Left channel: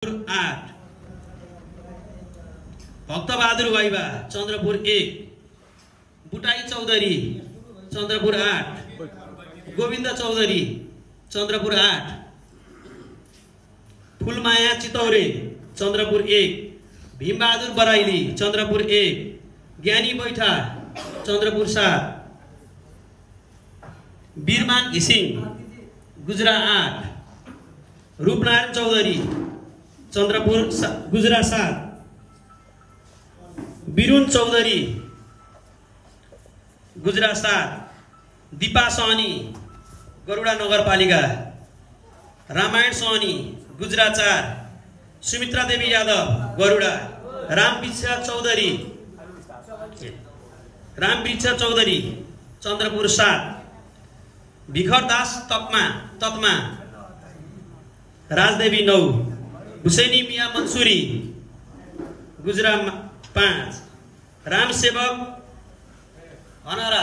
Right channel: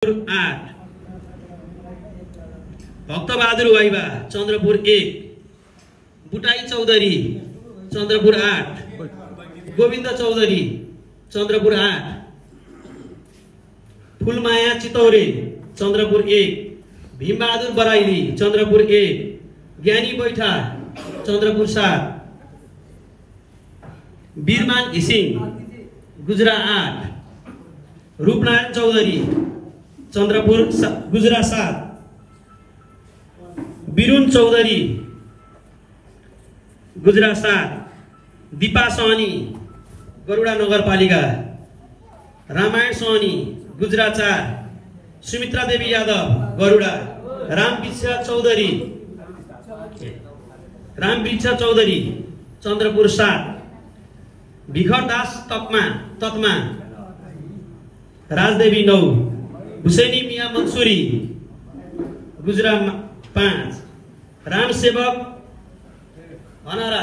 8 Bhaktabahadur viva Chandrapur 1 बुटाई Chaudhary Chandrapur 8 Govind Chaudhary Chandrapur 8 Phulmaya चितौरे Chandrapur 1 Bhim Bahadur Baraili Chandrapur 1 ज्ञानी बैठा चन्द्रपुर 7 वीरमान घिसिङ गुजरा 8 रूपनारायण चौधरी चन्द्रपुर गुजरा 7 बिरुन चौधरी गुजरा 7 दीपा सहनी गरुडा नगरपालिका रामायण सहनी गुजरा 4 सुमित्रा देवी यादव गरुडा रामबिच्छा चौधरी चन्द्रपुर 7 भिखरदास तत्मा राजदेवी 9 हुसैनी मिया मंसूरी गुजरा 5 रामसेवक हनारा